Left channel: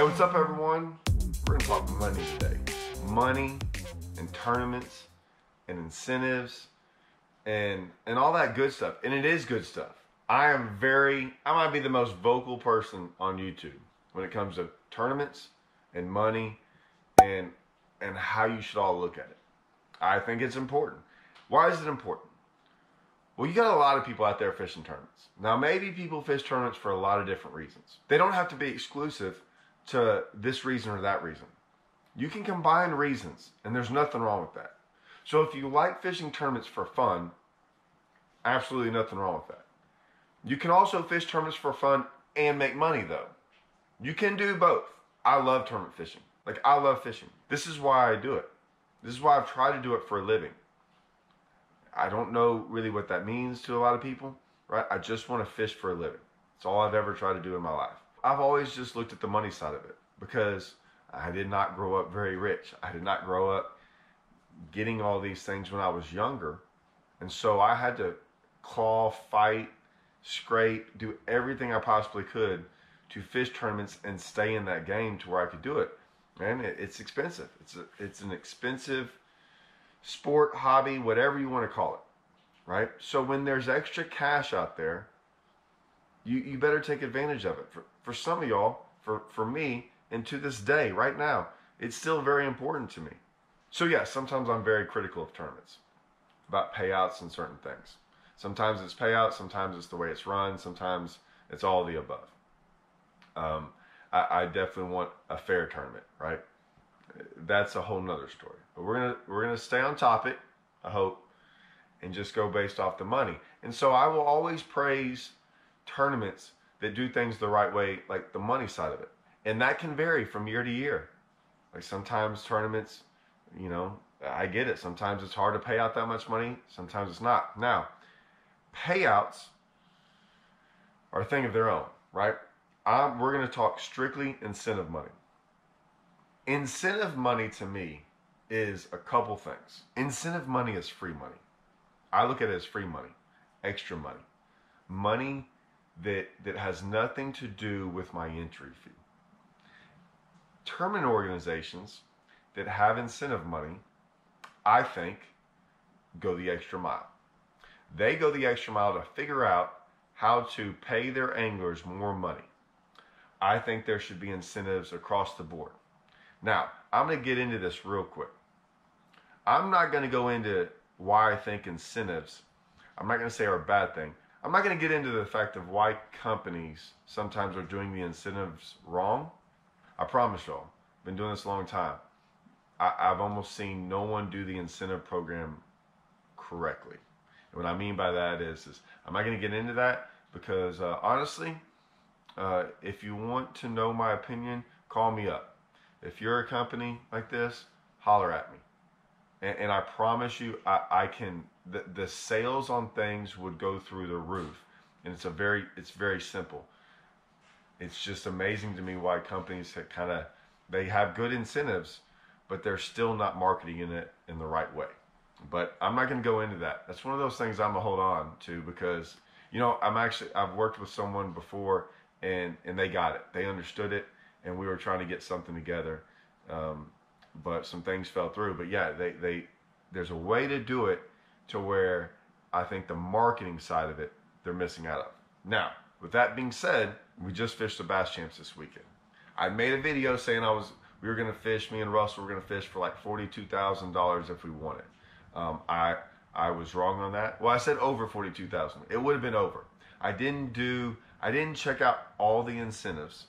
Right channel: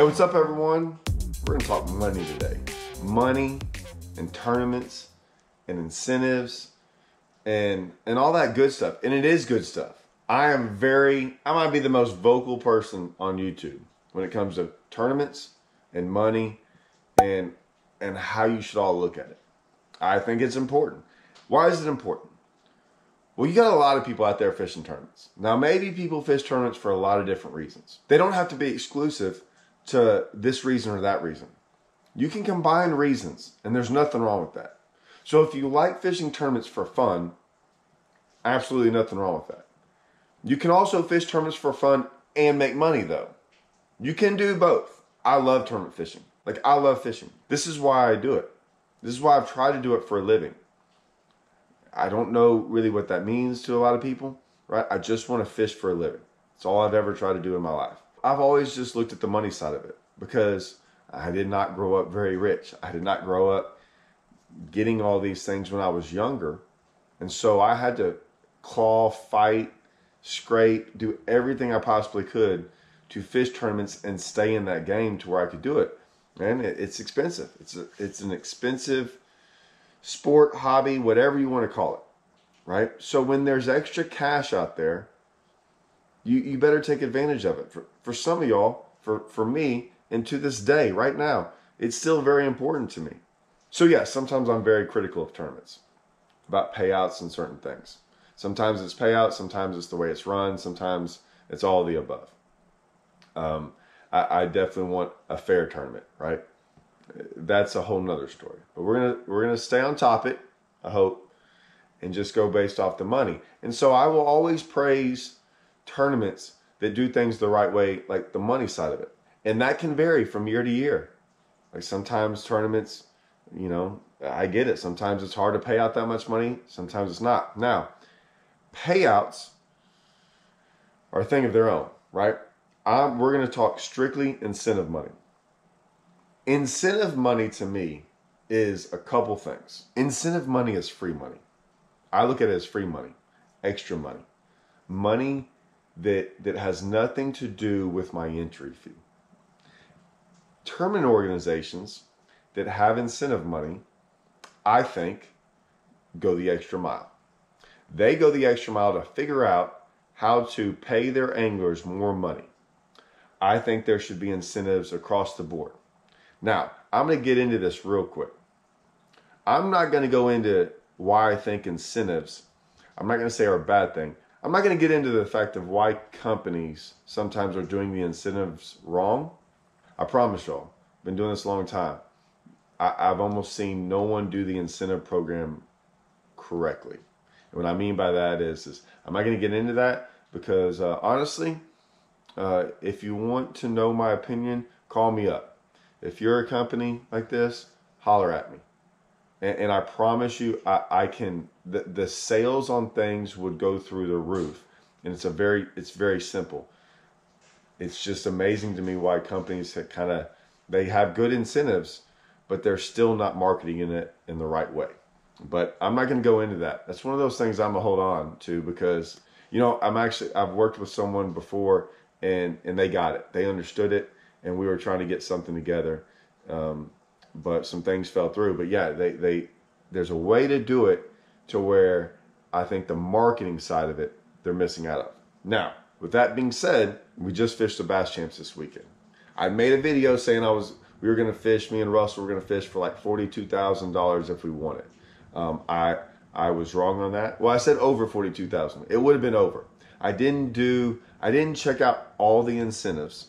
Hey, what's up, everyone? We're gonna talk money today. Money and tournaments and incentives and all that good stuff. And it is good stuff. I might be the most vocal person on YouTube when it comes to tournaments and money and how you should all look at it. I think it's important. Why is it important? Well, you got a lot of people out there fishing tournaments. Now, maybe people fish tournaments for a lot of different reasons. They don't have to be exclusive to this reason or that reason. You can combine reasons, and there's nothing wrong with that. So if you like fishing tournaments for fun, absolutely nothing wrong with that. You can also fish tournaments for fun and make money, though. You can do both. I love tournament fishing. I love fishing. This is why I do it. This is why I've tried to do it for a living. I don't know really what that means to a lot of people, right? I just want to fish for a living. It's all I've ever tried to do in my life. I've always just looked at the money side of it because I did not grow up very rich. I did not grow up getting all these things when I was younger. And so I had to claw, fight, scrape, do everything I possibly could to fish tournaments and stay in that game to where I could do it. And it's expensive. It's an expensive sport, hobby, whatever you want to call it, right? So when there's extra cash out there, you better take advantage of it. For some of y'all, for me, and to this day, right now, it's still very important to me. So yeah, sometimes I'm very critical of tournaments, about payouts and certain things. Sometimes it's payouts, sometimes it's the way it's run, sometimes it's all of the above. I definitely want a fair tournament, right? That's a whole nother story. But we're gonna stay on topic, I hope, and just go based off the money. And so I will always praise tournaments that do things the right way, like the money side of it. And that can vary from year to year. Like sometimes tournaments, I get it. Sometimes it's hard to pay out that much money. Sometimes it's not. Now, payouts are a thing of their own, right? We're going to talk strictly incentive money. Incentive money to me is a couple things. Incentive money is free money. I look at it as free money, extra money, money that has nothing to do with my entry fee. Tournament organizations that have incentive money, I think, go the extra mile. They go the extra mile to figure out how to pay their anglers more money. I think there should be incentives across the board. Now, I'm going to get into this real quick. I'm not going to go into why I think incentives, I'm not going to say are a bad thing. I'm not going to get into the fact of why companies sometimes are doing the incentives wrong. I promise y'all, I've been doing this a long time. I've almost seen no one do the incentive program correctly. And what I mean by that is I'm not going to get into that because honestly, if you want to know my opinion, call me up. If you're a company like this, holler at me. And I promise you, I can, the sales on things would go through the roof. And it's very simple. It's just amazing to me why companies they have good incentives, but they're still not marketing it in the right way. But I'm not going to go into that. That's one of those things I'm going to hold on to because, I've worked with someone before and they got it. They understood it and we were trying to get something together. But some things fell through. But yeah, there's a way to do it to where I think the marketing side of it, they're missing out of. Now, with that being said, we just fished the Bass Champs this weekend. I made a video saying we were going to fish, me and Russell were going to fish for like $42,000 if we won it. I was wrong on that. Well, I said over 42,000. It would have been over. I didn't check out all the incentives,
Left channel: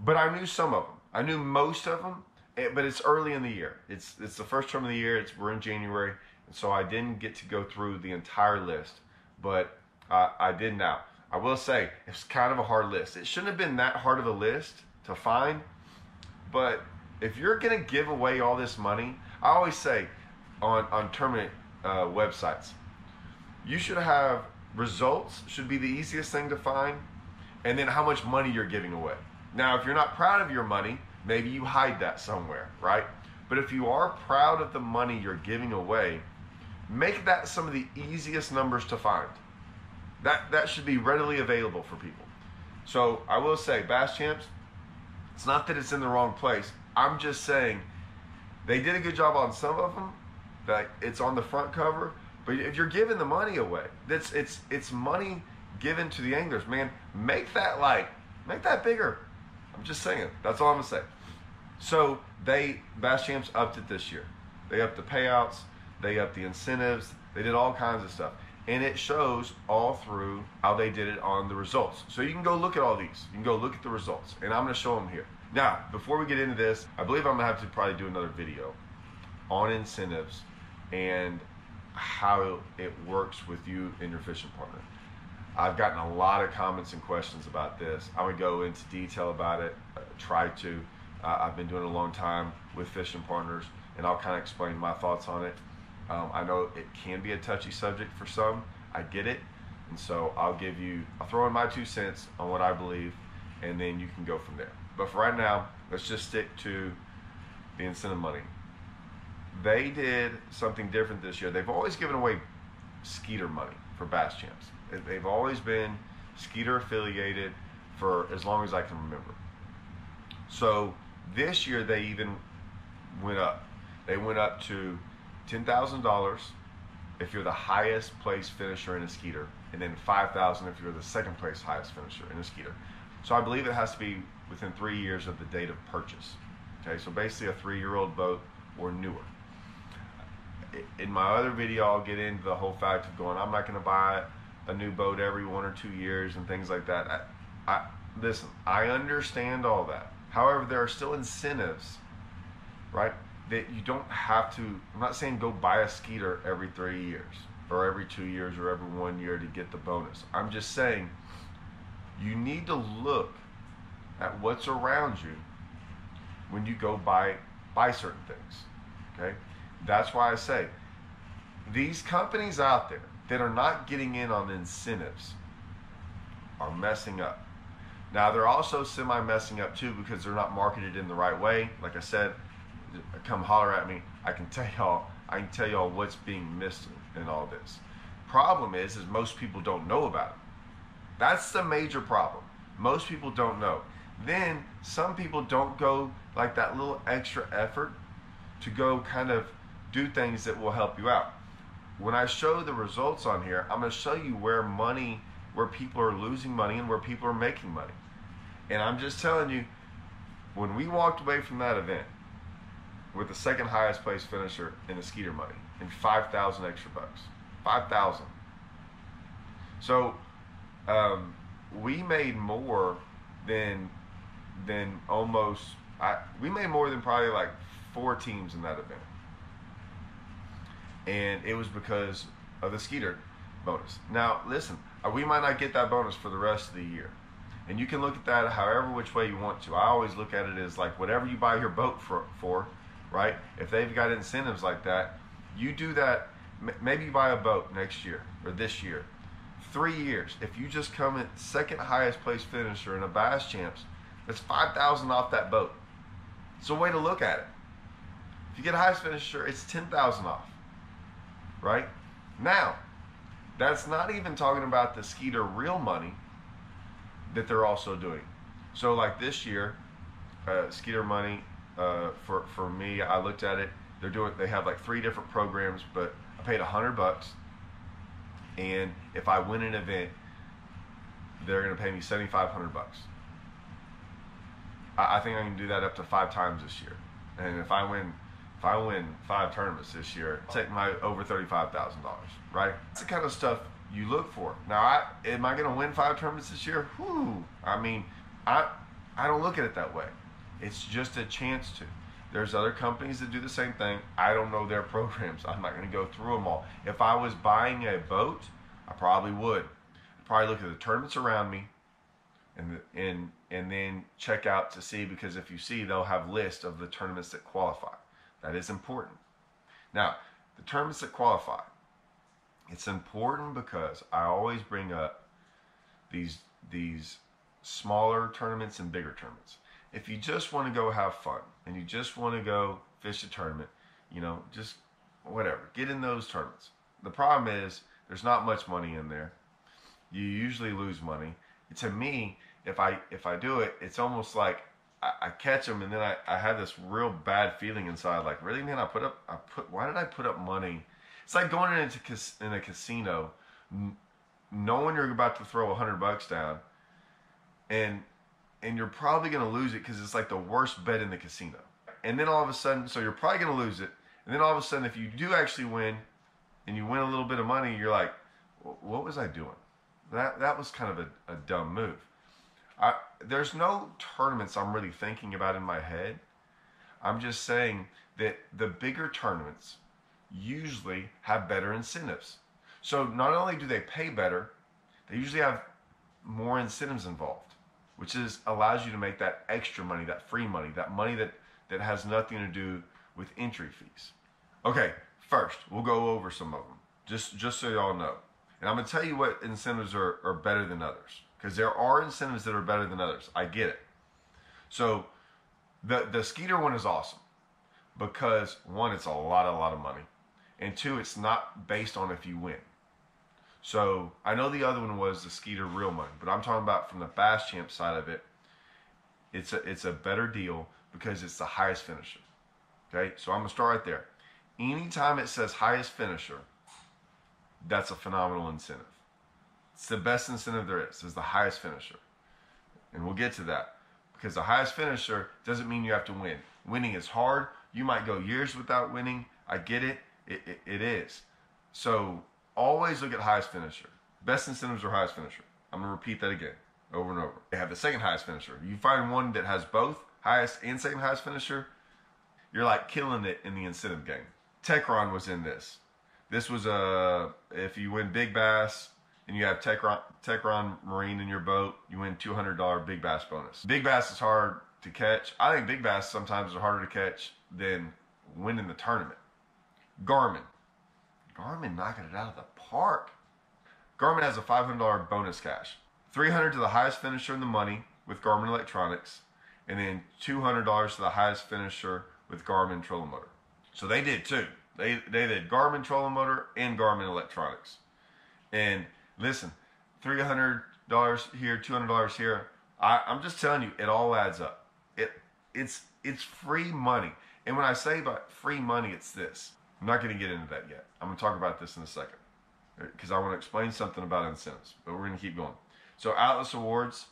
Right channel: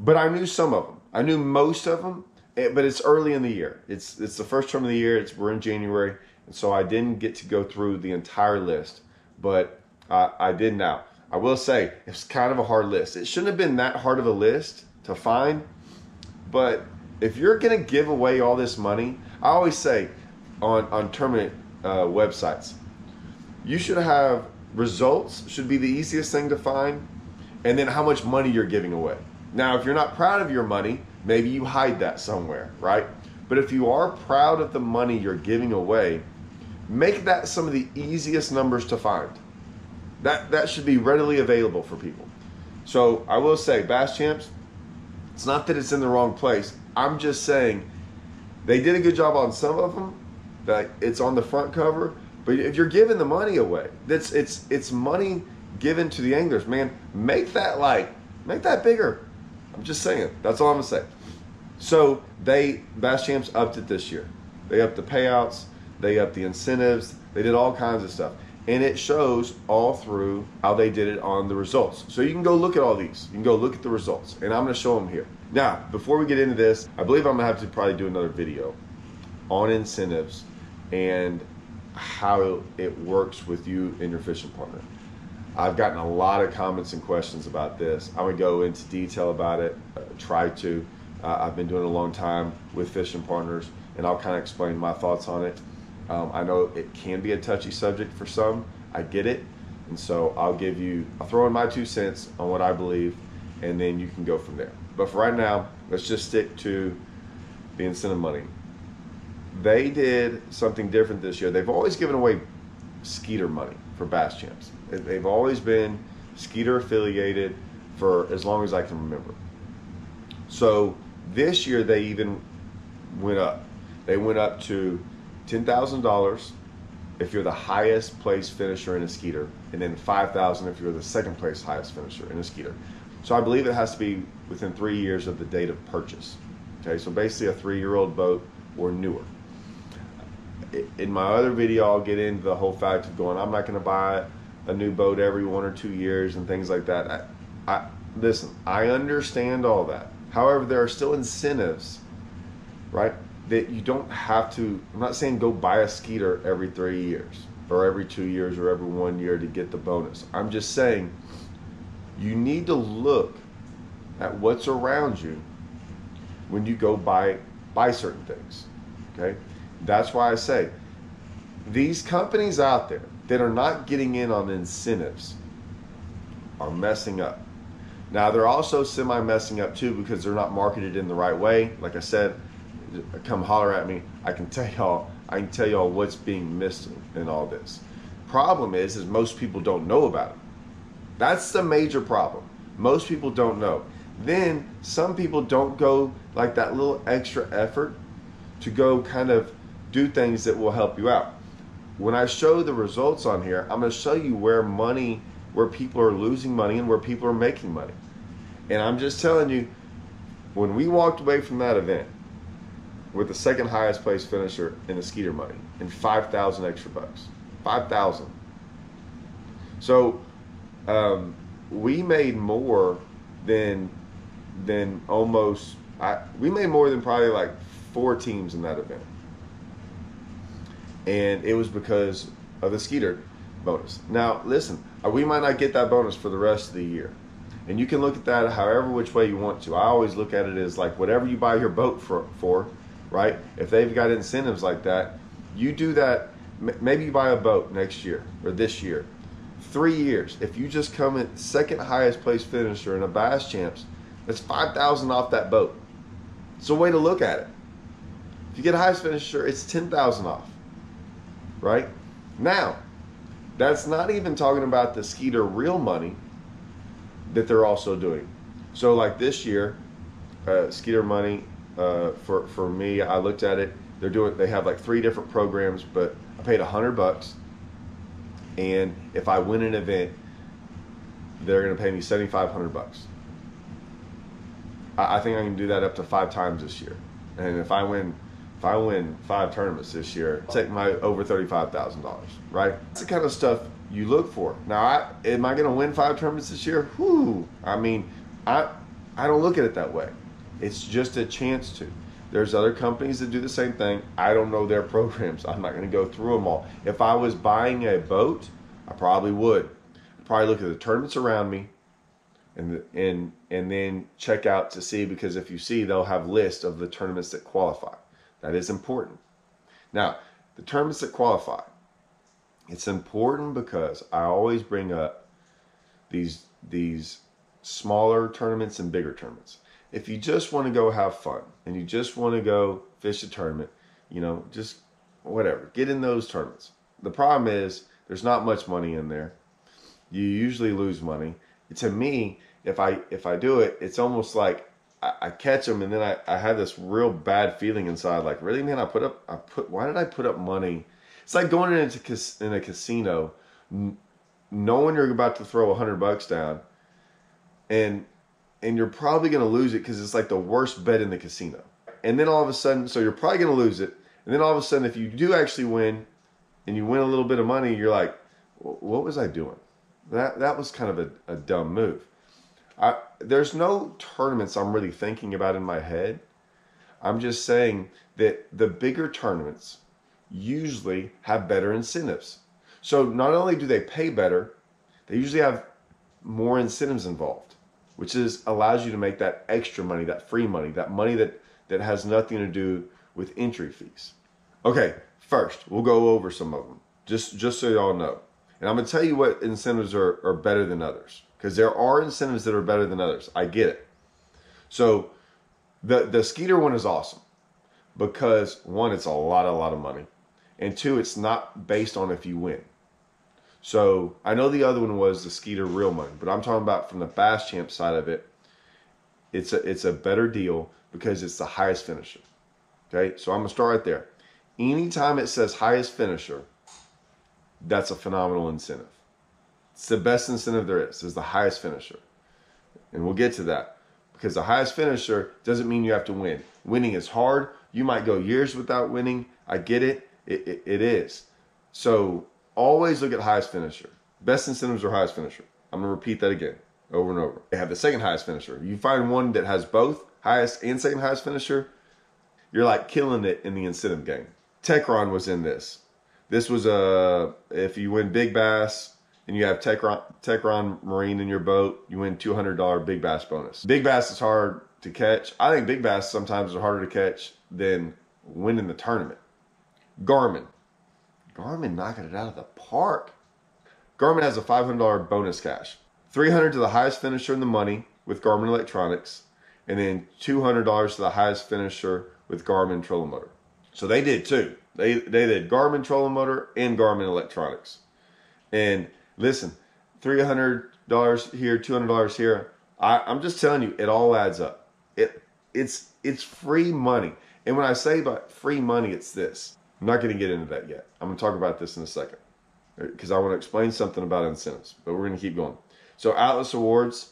but I knew some of them. I knew most of them, but it's early in the year. It's the first term of the year. We're in January, and so I didn't get to go through the entire list, but I did now. I will say it's kind of a hard list. It shouldn't have been that hard of a list to find, but if you're going to give away all this money, I always say on tournament websites, you should have results should be the easiest thing to find, and then how much money you're giving away. Now, if you're not proud of your money, maybe you hide that somewhere, right? But if you are proud of the money you're giving away, make that some of the easiest numbers to find. That should be readily available for people. So I will say, Bass Champs, It's not that it's in the wrong place. I'm just saying they did a good job on some of them. That it's on the front cover, but if you're giving the money away, it's money given to the anglers. Man, make that bigger. I'm just saying. That's all I'm gonna say. So Bass Champs upped it this year. They upped the payouts. They upped the incentives. They did all kinds of stuff. And it shows all through how they did it on the results. So you can go look at all these. You can go look at the results. And I'm going to show them here. Now, before we get into this, I believe I'm going to have to probably do another video on incentives and how it works with you and your fishing partner. I've gotten a lot of comments and questions about this. I'm going to go into detail about it, try to. I've been doing it a long time with fishing partners, and I'll kind of explain my thoughts on it. I know it can be a touchy subject for some. I get it. And so I'll throw in my 2 cents on what I believe, and then you can go from there. But for right now, let's just stick to the incentive money. They did something different this year. They've always given away Skeeter money for Bass Champs. They've always been Skeeter affiliated for as long as I can remember. So this year they even went up. They went up to $10,000 if you're the highest place finisher in a Skeeter, and then $5,000 if you're the second place highest finisher in a Skeeter. So I believe it has to be within 3 years of the date of purchase. Okay, so basically a 3-year-old boat or newer. In my other video, I'll get into the whole fact of going, I'm not going to buy a new boat every 1 or 2 years and things like that. Listen, I understand all that. However, there are still incentives, right? That you don't have to, I'm not saying go buy a Skeeter every 3 years or every 2 years or every 1 year to get the bonus. I'm just saying you need to look at what's around you when you go buy certain things, okay? That's why I say these companies out there that are not getting in on incentives are messing up. Now, they're also semi-messing up too because they're not marketed in the right way. Like I said, come holler at me. I can tell y'all what's being missed in all this. Problem is most people don't know about it. That's the major problem. Most people don't know. Then some people don't go like that little extra effort to go kind of do things that will help you out. When I show the results on here, I'm going to show you where people are losing money and where people are making money. And I'm just telling you, when we walked away from that event with the second highest place finisher in the Skeeter money and 5,000 extra bucks, 5,000. So we made more than we made more than probably like 4 teams in that event. And it was because of the Skeeter bonus. Now, listen, we might not get that bonus for the rest of the year. And you can look at that however which way you want to. I always look at it as like whatever you buy your boat for, right? If they've got incentives like that, you do that. Maybe you buy a boat next year or this year. 3 years. If you just come in second highest place finisher in a Bass Champs, that's 5,000 off that boat. It's a way to look at it. If you get highest finisher, it's 10,000 off. Right? Now, that's not even talking about the Skeeter real money that they're also doing. So like this year, Skeeter money, for me, I looked at it, they have like 3 different programs, but I paid $100, and if I win an event, they're going to pay me $7,500. I think I can do that up to 5 times this year. And if I win 5 tournaments this year, I'll take my over $35,000, right? That's the kind of stuff you look for. Now, am I going to win 5 tournaments this year? Whew. I mean, I don't look at it that way. It's just a chance to. There's other companies that do the same thing. I don't know their programs. I'm not going to go through them all. If I was buying a boat, I probably would. I'd probably look at the tournaments around me and then check out to see, because if you see, they'll have lists of the tournaments that qualify. That is important. Now, the tournaments that qualify, it's important because I always bring up these smaller tournaments and bigger tournaments. If you just want to go have fun and you just want to go fish a tournament, just whatever, get in those tournaments. The problem is there's not much money in there. You usually lose money. To me, if I do it, it's almost like I catch them, and then I have this real bad feeling inside. Like, really, man, why did I put up money? It's like going in a casino, knowing you're about to throw $100 down, and you're probably going to lose it because it's like the worst bet in the casino. And then all of a sudden, so you're probably going to lose it. And then all of a sudden, if you do actually win, and you win a little bit of money, you're like, what was I doing? That was kind of a dumb move. There's no tournaments I'm really thinking about in my head. I'm just saying that the bigger tournaments usually have better incentives. So not only do they pay better, they usually have more incentives involved, which allows you to make that extra money, that free money, that money that has nothing to do with entry fees. Okay, first, we'll go over some of them, just so y'all know. And I'm going to tell you what incentives are better than others, because there are incentives that are better than others. I get it. So the Skeeter one is awesome because, one, it's a lot of money. And two, it's not based on if you win. So I know the other one was the Skeeter real money, but I'm talking about from the Bass Champ side of it. It's a better deal because it's the highest finisher. Okay, so I'm going to start right there. Anytime it says highest finisher, that's a phenomenal incentive. It's the best incentive there is the highest finisher. And we'll get to that. Because the highest finisher doesn't mean you have to win. Winning is hard. You might go years without winning. I get it. It is. So always look at highest finisher. Best incentives are highest finisher. I'm going to repeat that again over and over. They have the second highest finisher. You find one that has both highest and second highest finisher, you're like killing it in the incentive game. Techron was in this. This was if you win Big Bass and you have Techron Marine in your boat, you win $200 Big Bass bonus. Big Bass is hard to catch. I think Big Bass sometimes are harder to catch than winning the tournament. Garmin knocking it out of the park. Garmin has a $500 bonus cash. $300 to the highest finisher in the money with Garmin Electronics, and then $200 to the highest finisher with Garmin Trolling Motor. So they did two. They did Garmin Trolling Motor and Garmin Electronics. And listen, $300 here, $200 here. I'm just telling you, it all adds up. It's free money. And when I say about free money, it's this. I'm not going to get into that yet. I'm going to talk about this in a second because I want to explain something about incentives, but we're going to keep going. So Atlas Awards,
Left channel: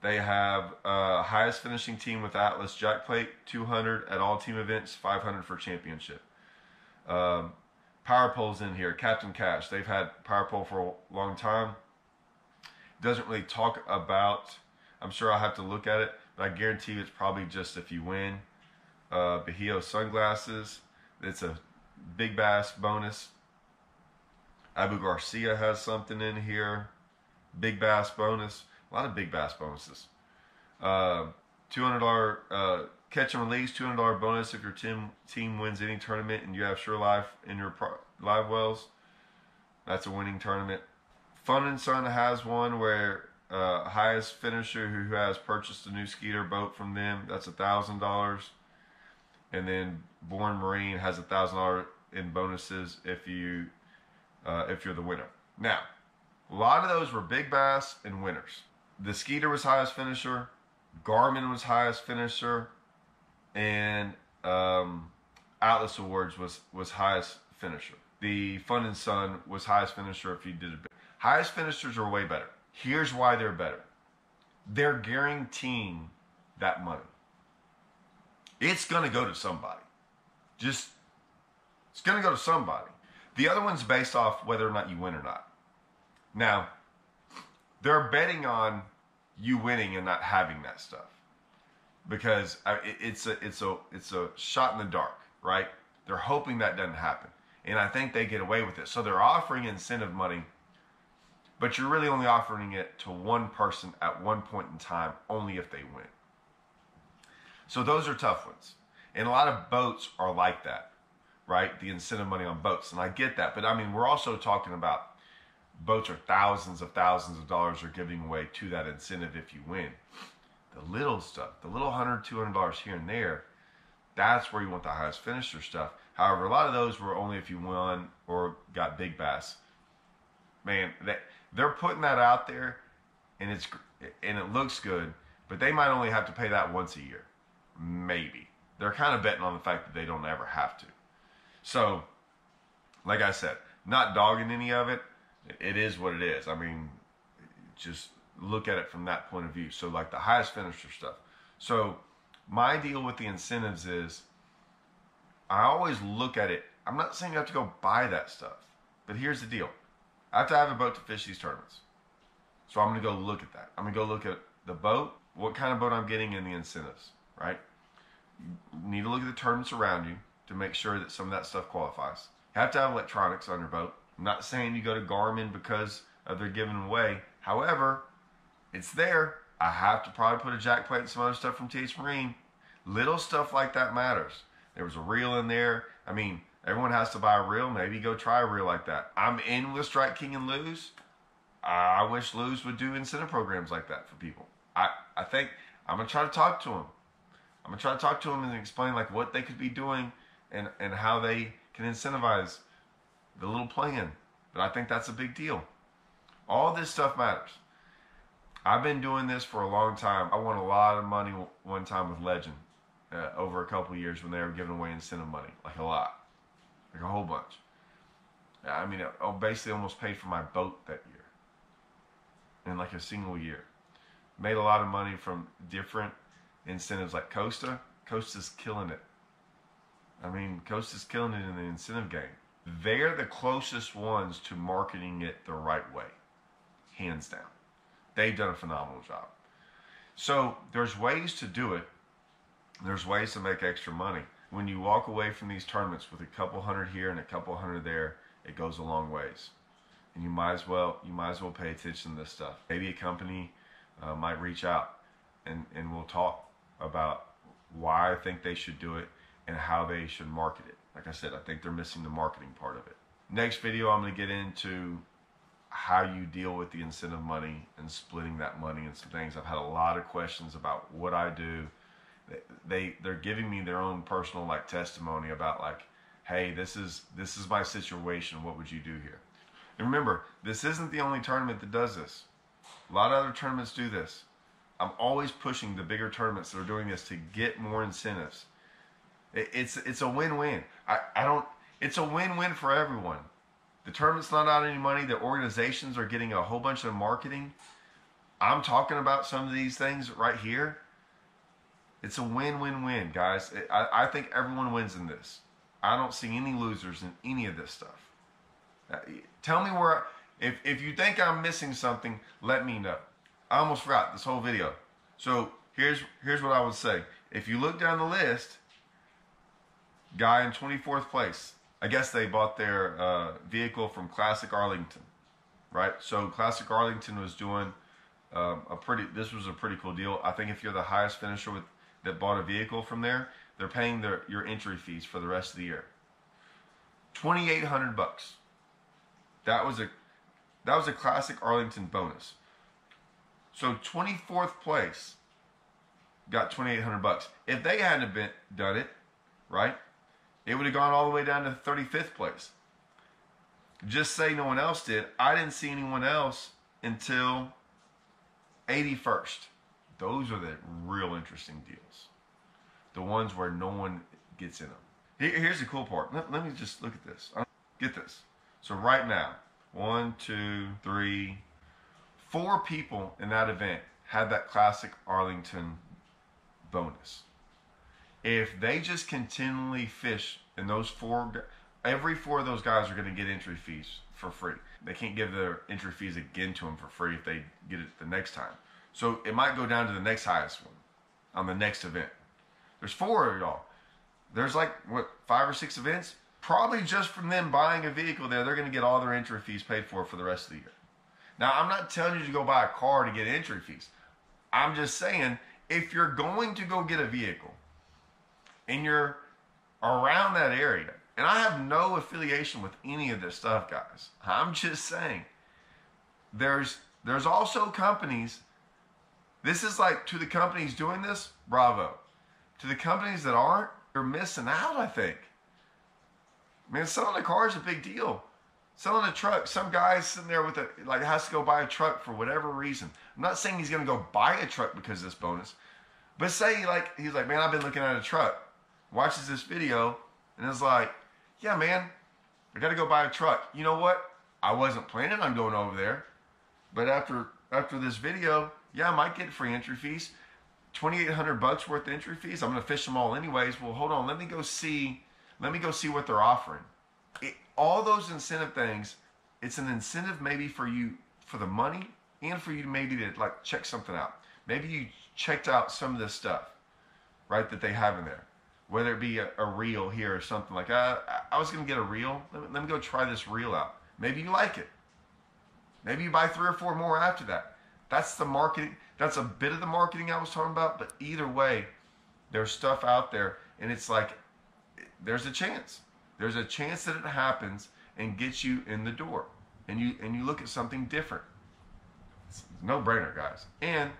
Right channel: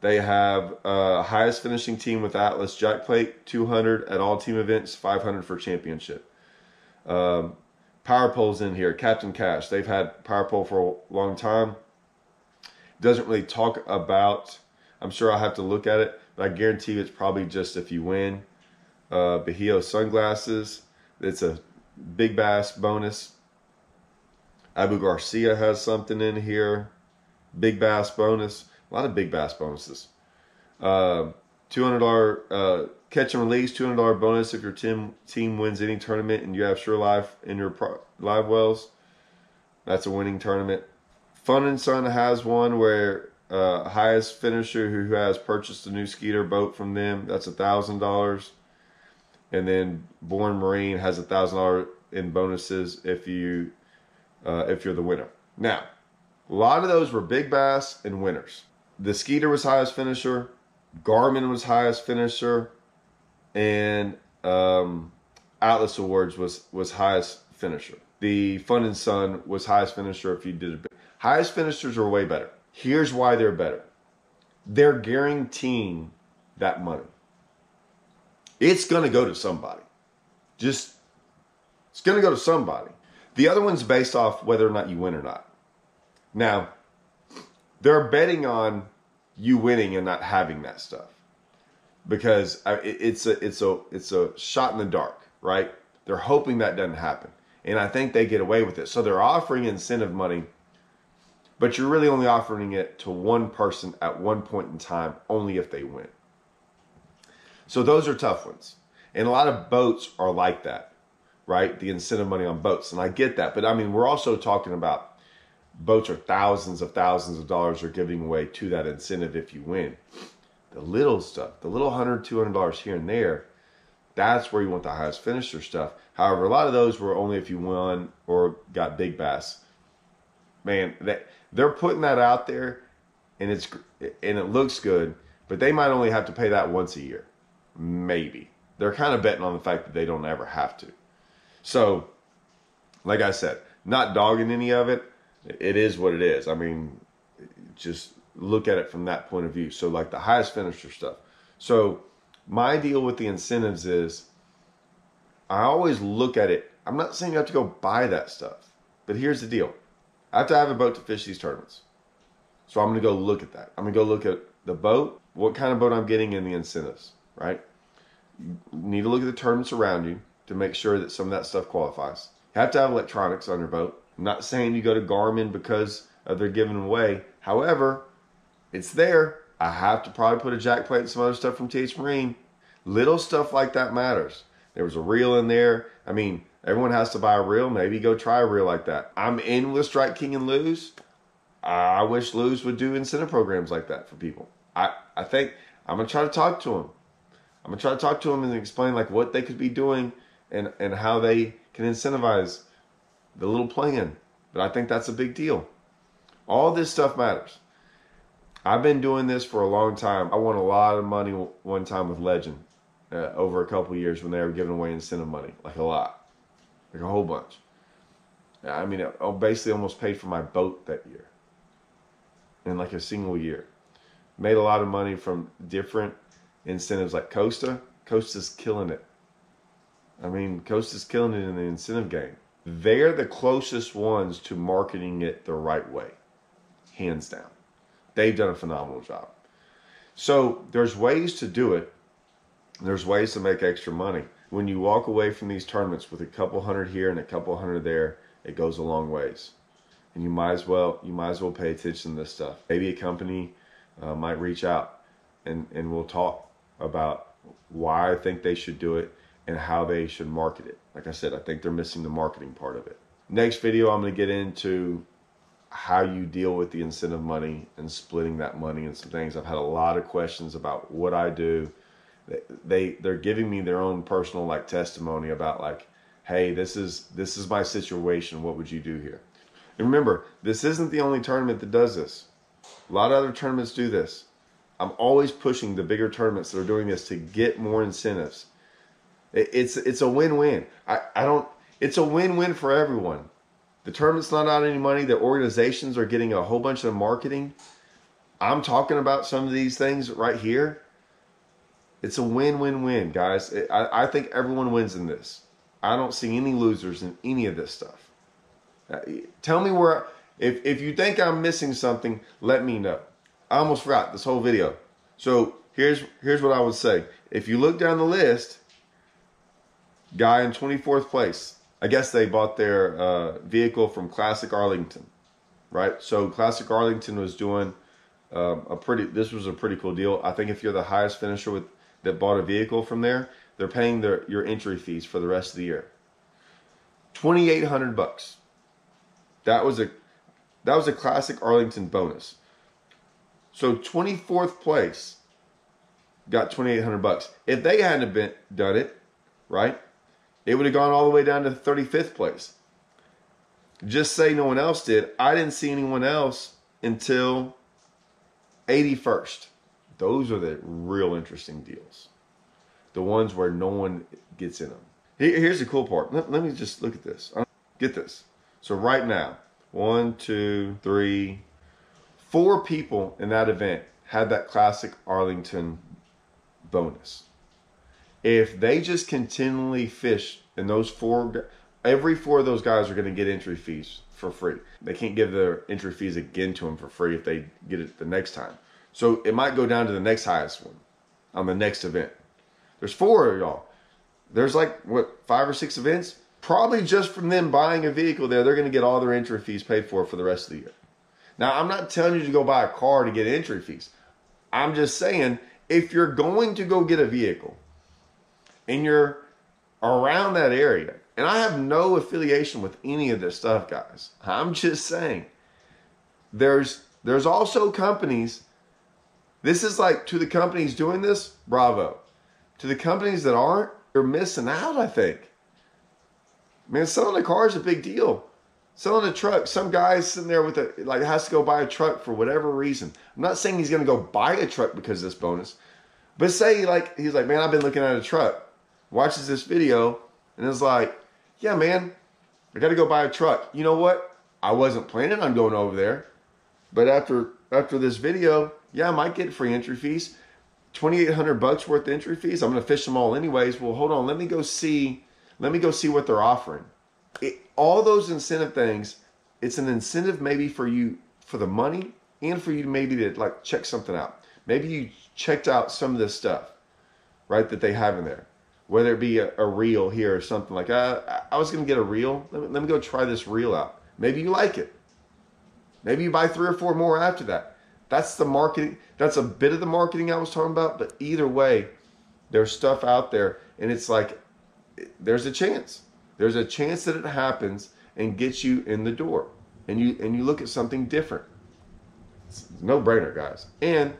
they have highest finishing team with Atlas Jack Plate, 200 at all team events, 500 for championship. Power Pole's in here. Captain Cash, they've had Power Pole for a long time. Doesn't really talk about, I'm sure I'll have to look at it, but I guarantee you it's probably just if you win. Bahio Sunglasses, it's a Big Bass bonus. Abu Garcia has something in here. Big Bass bonus. A lot of Big Bass bonuses. $200 catch and release, $200 bonus if your team wins any tournament and you have Sure Life in your live wells. That's a winning tournament. Fun and Son has one where highest finisher who has purchased a new Skeeter boat from them, that's $1,000. And then Born Marine has $1,000 in bonuses if you're the winner. Now, a lot of those were Big Bass and winners. The Skeeter was highest finisher. Garmin was highest finisher. And Atlas Awards was highest finisher. The Fun and Sun was highest finisher if you did it. Highest finishers are way better. Here's why they're better. They're guaranteeing that money. It's going to go to somebody. It's going to go to somebody. The other one's based off whether or not you win or not. Now, they're betting on you winning and not having that stuff. Because it's a shot in the dark, right? They're hoping that doesn't happen. And I think they get away with it. So they're offering incentive money, but you're really only offering it to one person at one point in time, only if they win. So those are tough ones. And a lot of boats are like that, right? The incentive money on boats. And I get that. But I mean, we're also talking about boats are thousands of dollars are giving away to that incentive if you win. The little stuff, the little $100, $200 here and there, that's where you want the highest finisher stuff. However, a lot of those were only if you won or got Big Bass. Man, they're putting that out there, and it looks good. but they might only have to pay that once a year. Maybe. They're kind of betting on the fact that they don't ever have to. So, like I said, not dogging any of it. It is what it is. I mean, just look at it from that point of view. So like the highest finisher stuff. So my deal with the incentives is I always look at it. I'm not saying you have to go buy that stuff, but here's the deal. I have to have a boat to fish these tournaments. So I'm going to go look at that. I'm going to go look at the boat, what kind of boat I'm getting, and the incentives, right? You need to look at the tournaments around you to make sure that some of that stuff qualifies. You have to have electronics on your boat. I'm not saying you go to Garmin because they're giving away. However, it's there. I have to probably put a jack plate and some other stuff from TH Marine. Little stuff like that matters. There was a reel in there. I mean, everyone has to buy a reel. Maybe go try a reel like that. I'm in with Strike King and Lew's. I wish Lew's would do incentive programs like that for people. I think I'm going to try to talk to them. I'm going to try to talk to them and explain like what they could be doing and how they can incentivize the little plan. But I think that's a big deal. All this stuff matters. I've been doing this for a long time. I won a lot of money one time with Legend over a couple of years when they were giving away incentive money, like a lot, like a whole bunch. I mean, I basically almost paid for my boat that year in like a single year. Made a lot of money from different incentives like Costa. Costa's killing it. I mean, Costa's killing it in the incentive game. They're the closest ones to marketing it the right way, hands down. They've done a phenomenal job. So there's ways to do it. There's ways to make extra money. When you walk away from these tournaments with a couple hundred here and a couple hundred there, it goes a long ways. And you might as well pay attention to this stuff. Maybe a company might reach out and we'll talk about why I think they should do it and how they should market it. Like I said, I think they're missing the marketing part of it. Next video, I'm going to get into how you deal with the incentive money and splitting that money and some things. I've had a lot of questions about what I do. They're giving me their own personal like testimony about like, hey, this is my situation. What would you do here? And remember, this isn't the only tournament that does this. A lot of other tournaments do this. I'm always pushing the bigger tournaments that are doing this to get more incentives. It's a win-win. It's a win-win for everyone. The tournament's not out any money. The organizations are getting a whole bunch of marketing. I'm talking about some of these things right here. It's a win-win-win, guys. I think everyone wins in this. I don't see any losers in any of this stuff. Tell me where, if you think I'm missing something, let me know. I almost forgot this whole video. So here's what I would say. If you look down the list, guy in 24th place, I guess they bought their vehicle from Classic Arlington, right? So Classic Arlington was doing this was a pretty cool deal. I think if you're the highest finisher that bought a vehicle from there, they're paying your entry fees for the rest of the year. $2,800. That was a Classic Arlington bonus. So 24th place got $2,800. If they hadn't done it, right, it would have gone all the way down to 35th place. Just say no one else did. I didn't see anyone else until 81st. Those are the real interesting deals. The ones where no one gets in them. Here's the cool part. Let me just look at this. Get this. So right now, 1, 2, 3, 4 people in that event had that Classic Arlington bonus. If they just continually fish, and every 4 of those guys are going to get entry fees for free. They can't give their entry fees again to them for free if they get it the next time. So it might go down to the next highest one on the next event. There's 4 of y'all. There's like, 5 or 6 events? Probably just from them buying a vehicle there, they're going to get all their entry fees paid for the rest of the year. Now, I'm not telling you to go buy a car to get entry fees. I'm just saying, if you're going to go get a vehicle and you're around that area, and I have no affiliation with any of this stuff, guys. I'm just saying, there's also companies, this is like, to the companies doing this, bravo. To the companies that aren't, they're missing out, I think. Man, selling a car is a big deal. Selling a truck. Some guy's sitting there with has to go buy a truck for whatever reason. I'm not saying he's going to go buy a truck because of this bonus, but say he's like, man, I've been looking at a truck. Watches this video and is like, yeah, man, I got to go buy a truck. You know what? I wasn't planning on going over there, but after this video, yeah, I might get free entry fees. $2,800 worth of entry fees. I'm going to fish them all anyways. Well, hold on. Let me go see what they're offering. All those incentive things, it's an incentive maybe for you for the money and for you maybe to like check something out. Maybe you checked out some of this stuff, right, that they have in there. Whether it be a reel here or something like, I was going to get a reel. Let me go try this reel out. Maybe you like it. Maybe you buy 3 or 4 more after that. That's the marketing. That's a bit of the marketing I was talking about. But either way, there's stuff out there, and it's like there's a chance. There's a chance that it happens and gets you in the door, and you look at something different. It's a no-brainer, guys, and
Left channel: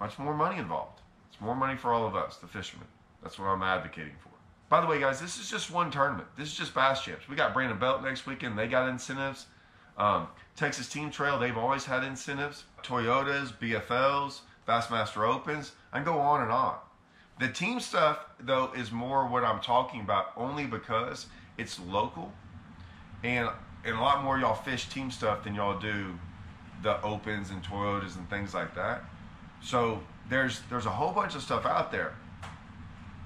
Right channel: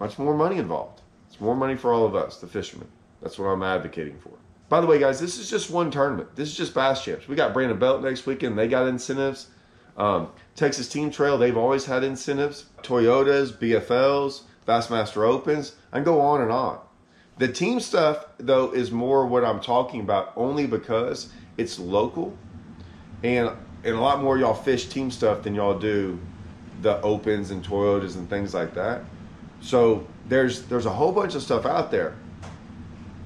much more money involved. It's more money for all of us, the fishermen. That's what I'm advocating for. By the way, guys, this is just one tournament. This is just Bass Champs. We got Brandon Belt next weekend. They got incentives. Texas Team Trail, they've always had incentives. Toyotas, BFLs, Bassmaster Opens. I can go on and on. The team stuff, though, is more what I'm talking about only because it's local. And a lot more y'all fish team stuff than y'all do the Opens and Toyotas and things like that. So there's a whole bunch of stuff out there.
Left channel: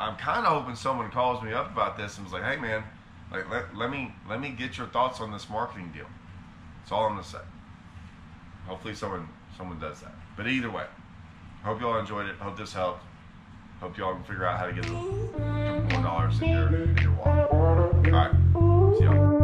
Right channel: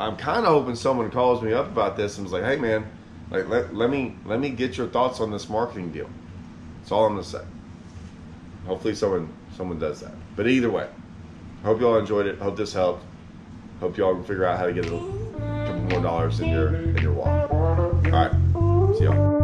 I'm kind of hoping someone calls me up about this and was like, hey, man, like let me get your thoughts on this marketing deal. That's all I'm going to say. Hopefully someone does that. But either way, hope y'all enjoyed it. Hope this helped. Hope y'all can figure out how to get a couple more dollars in your wallet. All right. See y'all.